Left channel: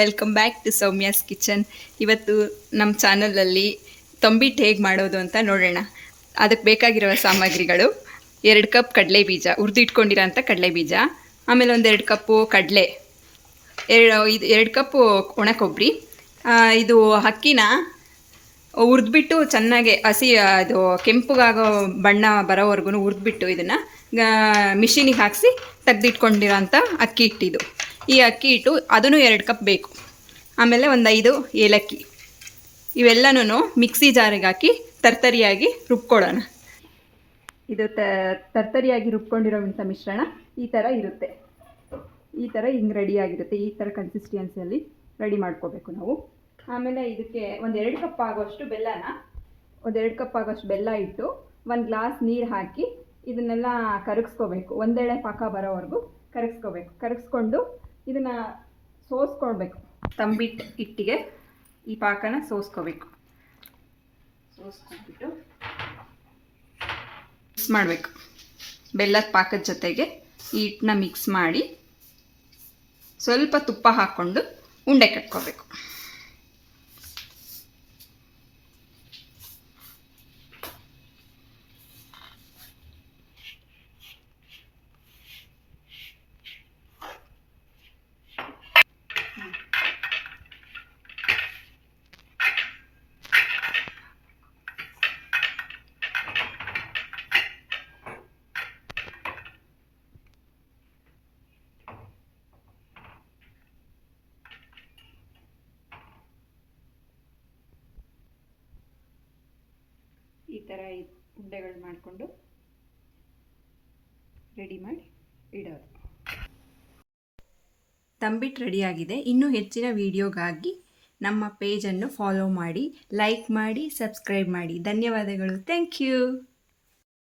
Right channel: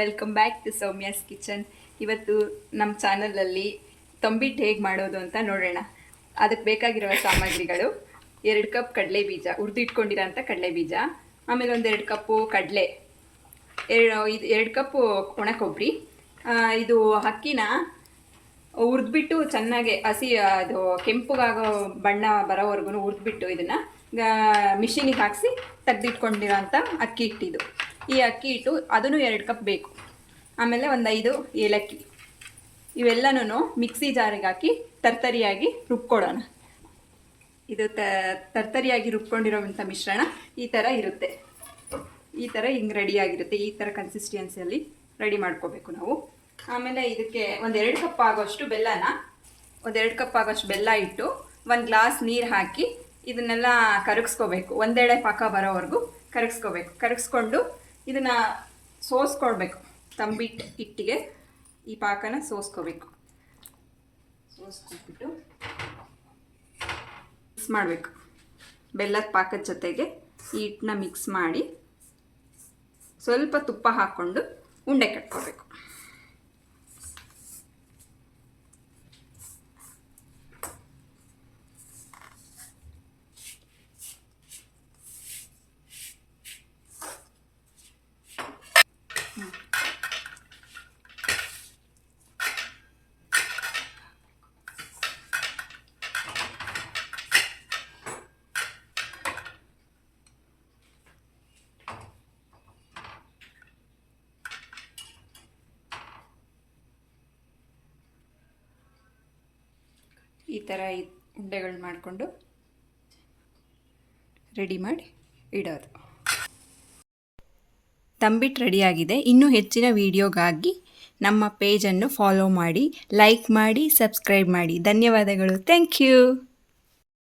Welcome back to Soumya's kitchen. ಇವತ್ತು ನಮ್ಮ ಚಾನಲಲ್ಲಿ ತಂಬಿಟ್ಟು ಹೇಗೆ ಮಾಡೋದು ಅಂತ ನೋಡೋಣ. ಅದಕ್ಕೆ ಬೇಕಾಗಿರುವ ಸಾಮಗ್ರಿಗಳು 2 ಕಪ್ ಕಡಲೆ ಬೀಜ, ಹುರಿದಿಟ್ಕೊಂಡಿರೋಂಥ ಕಡಲೆ ಬೀಜ, ಆಮೇಲೆ ಒಂದು 2 ಕಪ್ಪು ಕಡಲೆ, 2 ಕಪ್ಪು ಒಣ ಕೊಬ್ಬರಿ. ಇದು ಅಕ್ಕಿನ ಹುರಿದ್ಬಿಟ್ಟು ಚೆನ್ನಾಗಿ ಅದು ಕೆಂಪುಗಾಗೋ ಬಣ್ಣ ಬರೋವರೆಗೂ ಹುರಿದ್ಬಿಟ್ಟು ಇದನ್ನು ಮಿಷಿನಿಗೆ ಹಾಕಿಸಿ ತೆಗೆದಿಟ್ಕೊಂಡಿರೋಂಥ ಅಕ್ಕಿ ಹಿಟ್ಟಿದು. ಈ ಅಕ್ಕಿ ಹಿಟ್ಟು ಅದನ್ನು 2 ಕಪ್ ಬೇಕು. ಆಮೇಲೆ ಒಂದು 5 ಏಲಕ್ಕಿ. ಇವೆಲ್ಲನೂ ಮಿಕ್ಸಿ ಜಾರಿಗೆ ಹಾಕಿ ತರ್ತರಿಯಾಗಿ ರುಬ್ಕೊಳ್ಳೋಣ. ಇದು ತರ್ತರಿಯಾಗಿ ರುಬ್ಕೊಂಡಿರೋವಂಥ ಮಿಶ್ರಣ ಈ ಥರ ಇರುತ್ತೆ. ಈ ಥರ ಹಿಂಗೆ ರೆಡಿಯಾಗಿರುತ್ತೆ. ಈ ಥರ ಕನ್ಸಿಸ್ಟೆನ್ಸಿಯಲ್ಲಿ ರೆಡಿ ಮಾಡ್ಕೋಬೇಕು ನಾವು. ಆಮೇಲೆ ಇದಕ್ಕೆ ಒಂದು 2 ಕಪ್ ಆಗೋಷ್ಟು ಬೆಲ್ಲ ಇಟ್ಟು 1 ಗ್ಲಾಸ್ ನೀರು ಹಾಕಿ ಇದನ್ನೆಲ್ಲ ಕರಗಿಸ್ಕೋಬೇಕು. ಒಂದೆಳೆ ಪಾಕ ಬರೋವರೆಗೂ ಕರಗಿಸ್ಕೊಂಡು ಇದನ್ನು ಸೋಸ್ಕೊಳ್ಬೇಕು. ತಂಬಿಟ್ಟು ಹಿಟ್ಟಿಗೆ ಈ ಪಾಕನ ಸೋಸ್ಕೊಳ್ಬಿಟ್ಟು ಮಿಕ್ಸ್ ಮಾಡಬೇಕು. ಬೆಲ್ಲದ ಪಾಕದ ಜೊತೆಗೆ ಈ ಹಿಟ್ಟನ್ನ ಮಿಕ್ಸ್ ಮಾಡಿ ಸ್ವಲ್ಪ ತುಪ್ಪ ಹಾಕ್ಕೊಂಡು ಉಂಡೆ ಕಟ್ಕೋಬೇಕು. ಈ ಥರ ಉಂಡೆಗಳು ಮಾಡಿಕೊಂಡು ರೆಡಿ ಮಾಡಿ ಇಡೋದು. ತಂಬಿಟ್ಟು ರೆಡಿಯಾಗಿದೆ. ಇನ್ನೂ ಹೆಚ್ಚಿನ ವಿಡಿಯೋಗಾಗಿ ನಮ್ಮ ಪೇಜನ್ನು ಫಾಲೋ ಮಾಡಿ, ಲೈಕ್ ಮಾಡಿ, ಸಬ್ಸ್ಕ್ರೈಬ್ ಮಾಡಿ. ಧನ್ಯವಾದಗಳು. Thank you.